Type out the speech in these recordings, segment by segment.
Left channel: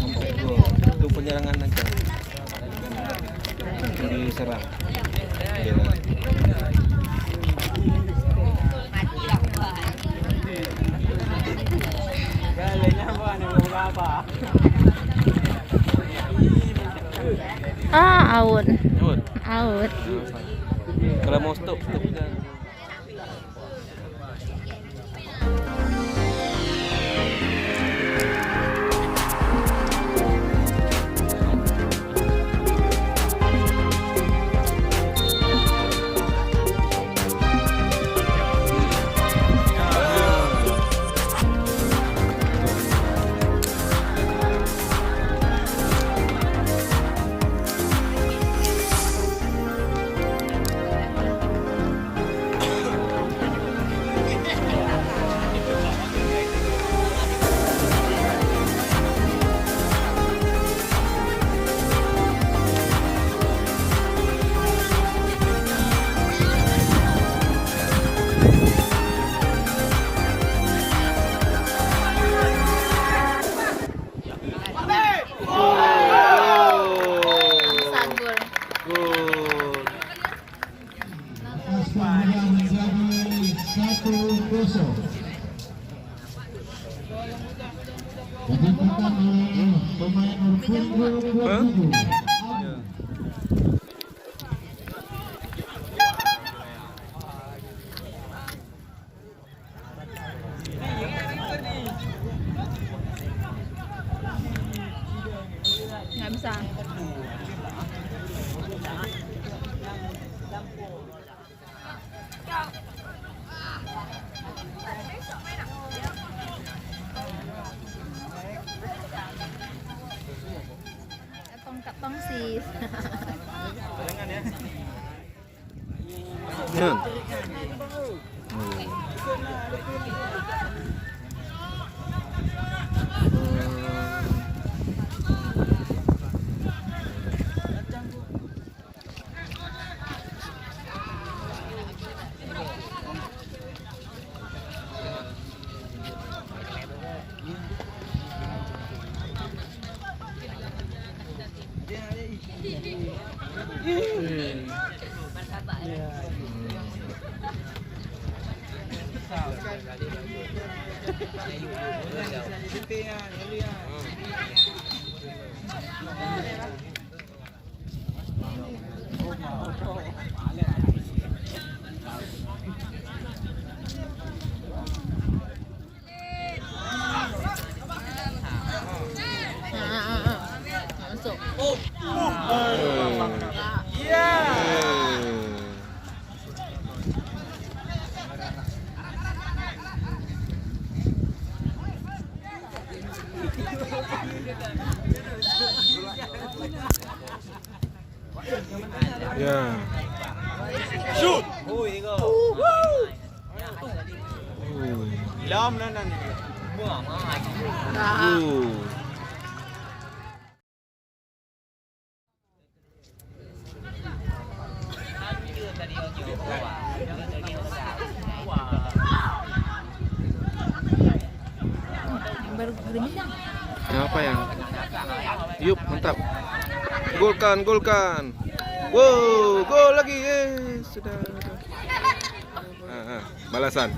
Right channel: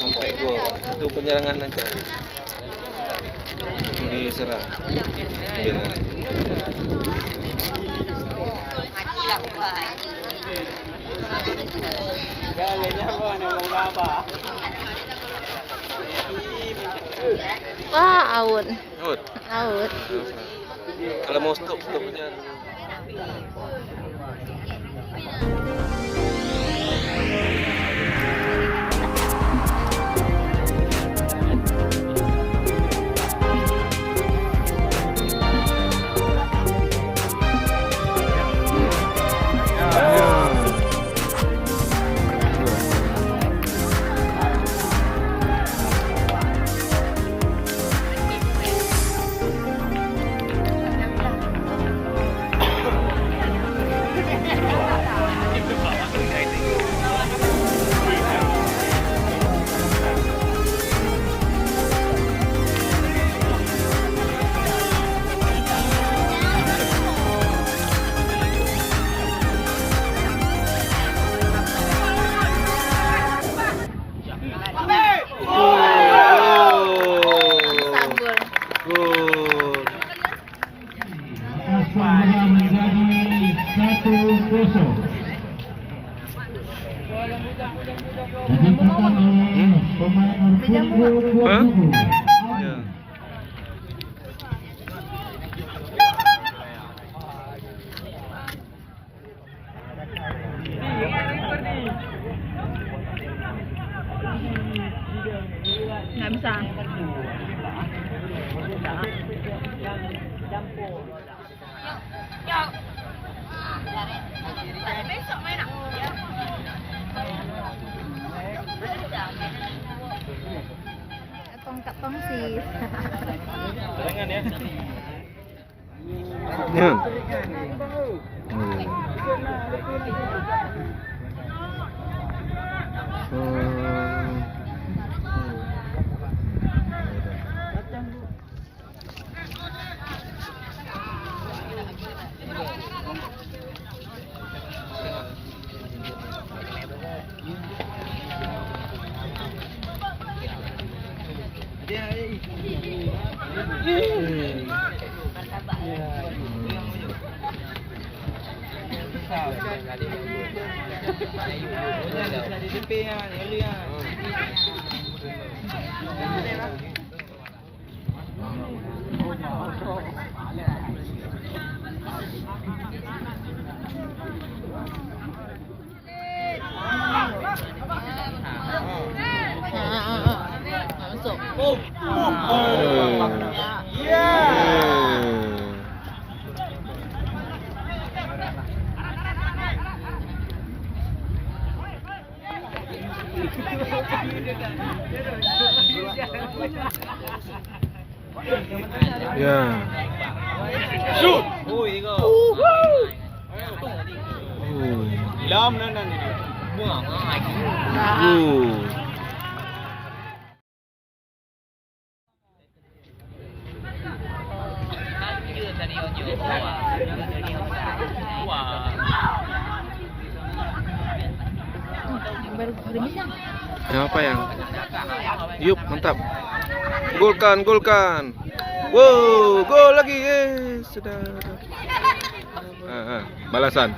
Sampai gol. Itu penyerangan aja. Diserang. Bina. Out. Out. Out. Kalau mau stop aja. Nggak bisa. Tongkat sih. Ya. Ya. Yang apa yang? Yup, mantap. Golkan. Wow, gol lagi. Sudah. Balasan.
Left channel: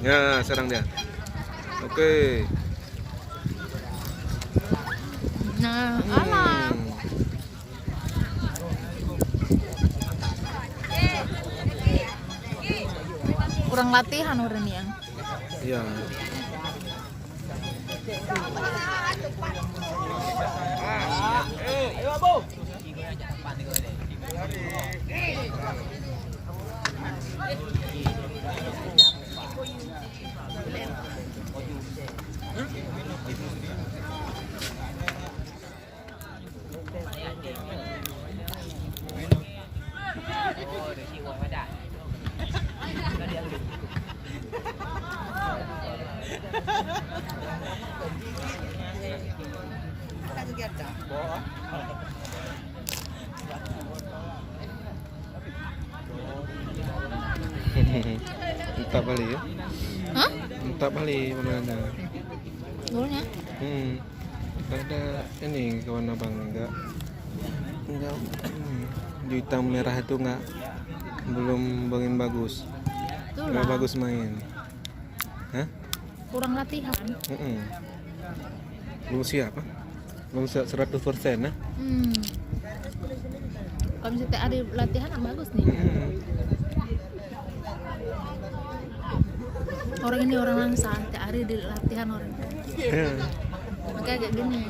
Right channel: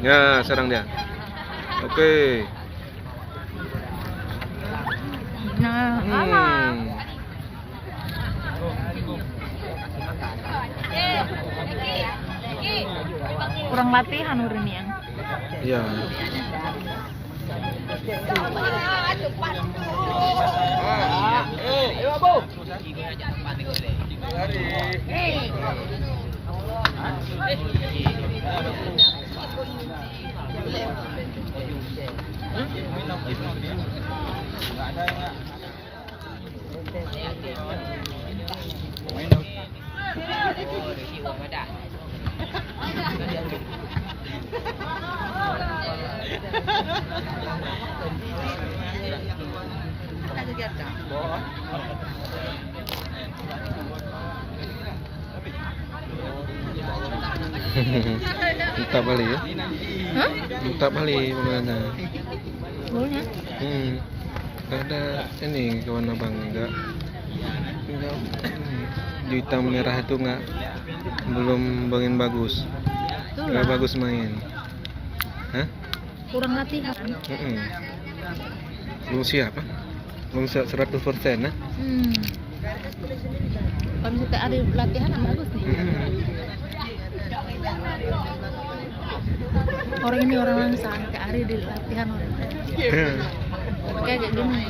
Ya, serang dia. Oke. Kurang latihan urin yang. Iya. Entah balik ya. Hah? Entah balik mana? Bulunya? Tidak ada ini kawan abang enggak. Hijau hitam merah itu enggak, belum bangin bagus. Enggak bagus main. Hah? Kurang latihan. Belum siap, belum siap 100%, nah. Kalau misalnya ada latihan bagus nih. Orang ini orang langsang, tiap hari di latihan orang. Kayak gini.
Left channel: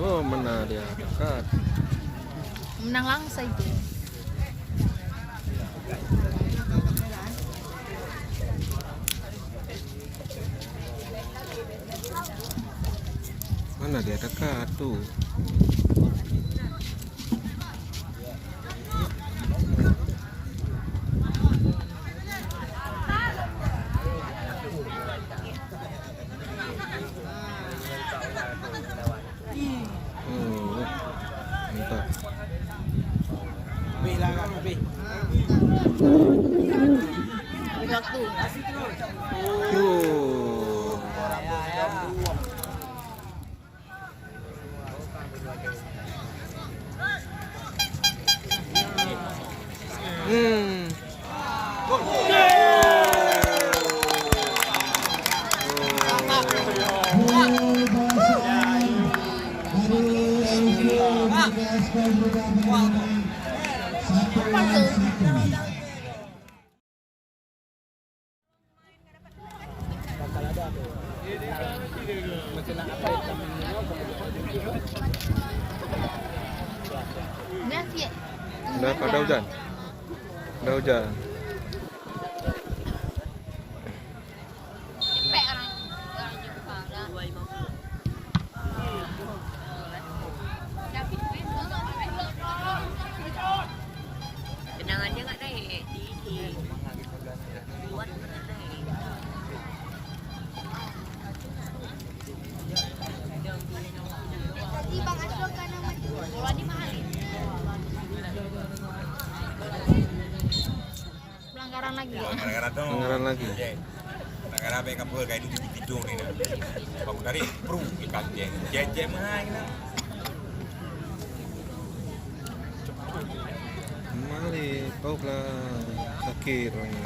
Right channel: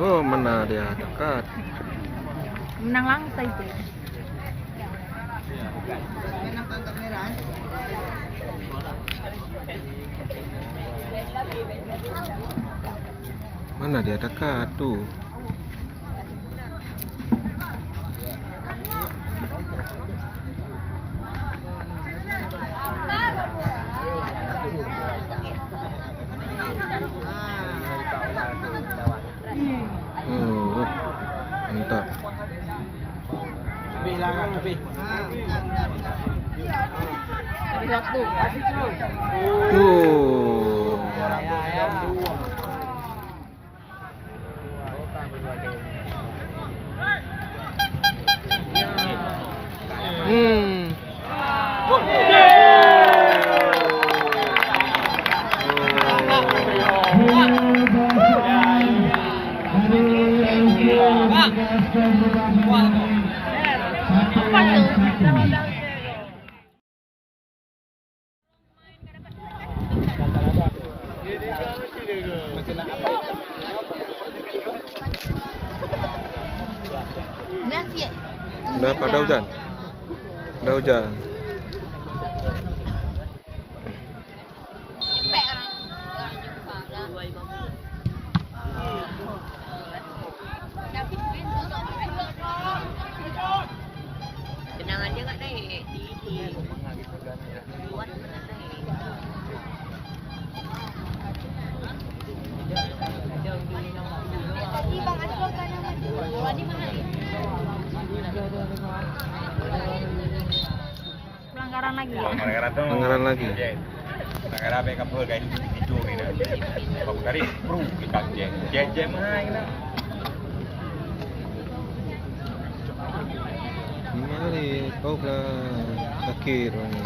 Tuh, mana dia dekat. Menang langsung itu. Mana dia dekat tuh. Mantap. Waktu. Udah pada hujan. Udah hujan. Kenangannya nggak deh. Tadi Bang Asrul kan nama Wadi mahal. Pelanggaran lagi. Pelanggaran lagi. Pelanggaran apa yang kayak gitu nih. Kamu dari pro ikan jeng mana? Mari, kau lah sakit ini.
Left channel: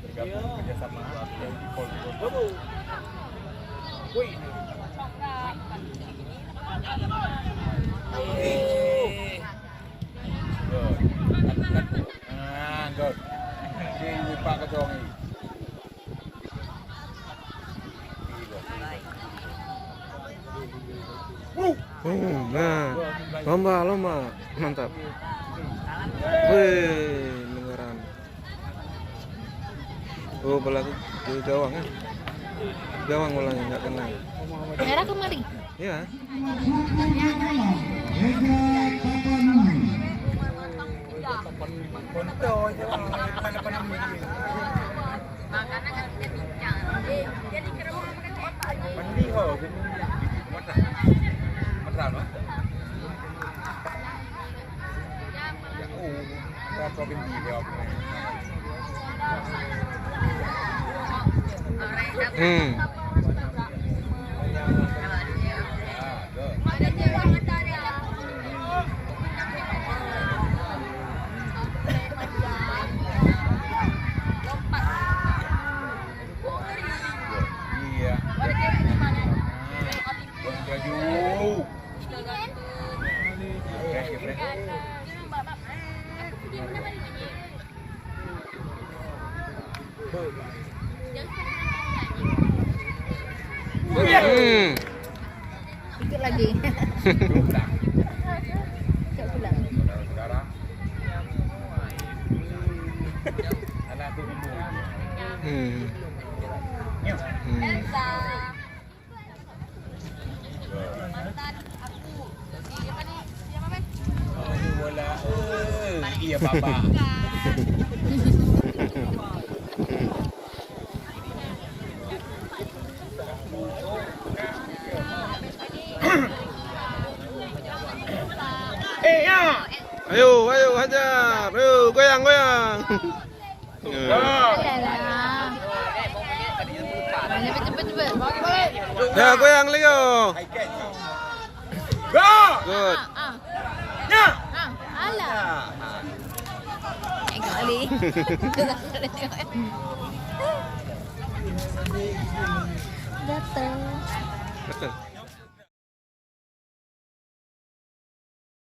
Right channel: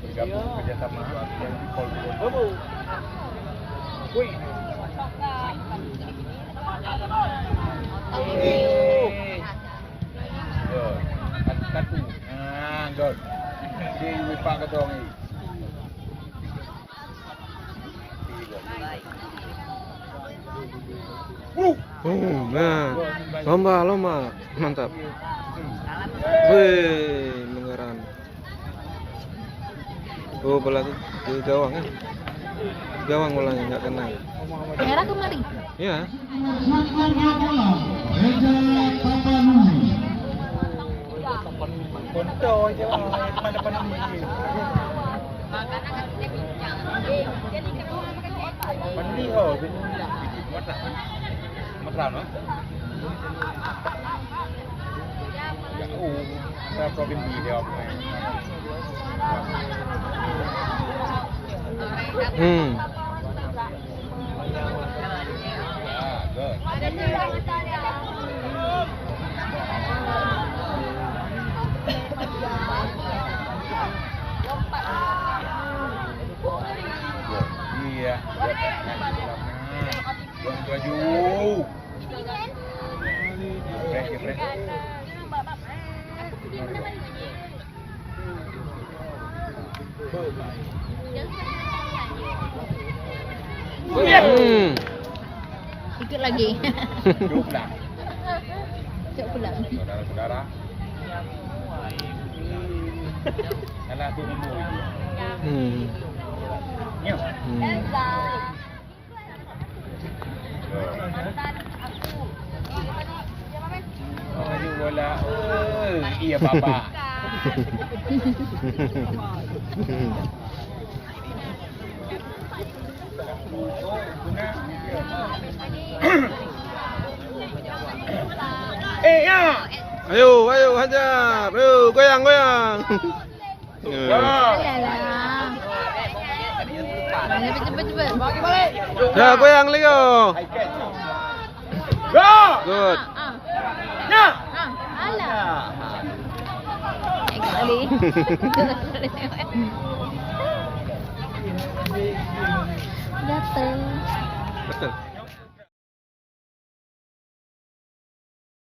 Bergabung kerjasama di Polri. Good. Di wipak ketong ni. Nah, lomba, mantap. Wih, mengeran. Oh, bola ke gawang kan? Gawang bolanya nggak kena. Merah kemarin. Ya. Konto aja. Ada penampilan. Makanan kan kita bincang. Jadi ke rumah makan otak. Mandi oh. Matram lah. Ya kita kau bindi dia. Ada cewek tadi. Iya. Baju. Fresh. Ikut lagi. Pulang. Ikut pulang. Saudara-saudara. Anak tu nombor. Ya. Aduh bola. Iya papa. Ya. Ayo, hajar. Ayo, goyang. Cepet. Dah goyang Leo. Go. Good. Ya. Alah. Kali. Datang.